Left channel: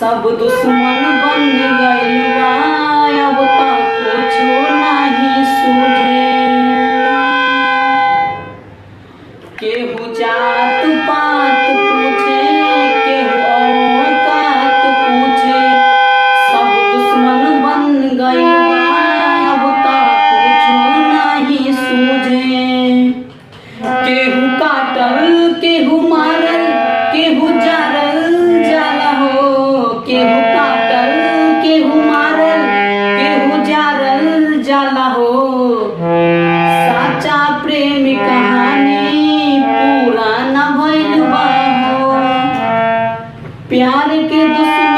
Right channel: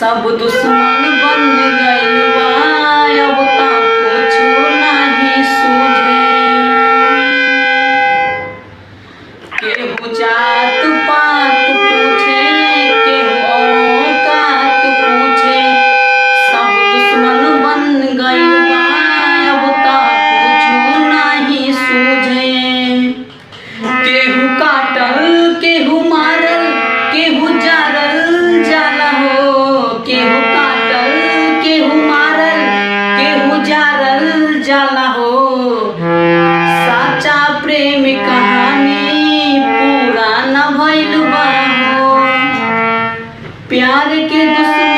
सब दुश्मन बन गइल बा, अब ता कुछु नाही सूझे। केहू जात पात पूछे, केहू औकात पूछे। सब दुश्मन बन गइल बा, अब ता कुछु नाही सूझे। केहू काटल, केहू मारल, केहू जारल जाला हो। केहू काटल, केहू मारल, केहू जारल जाला हो। साचा प्रेम कहानी पूरा न भइल बा हो। प्यार के दुश्मन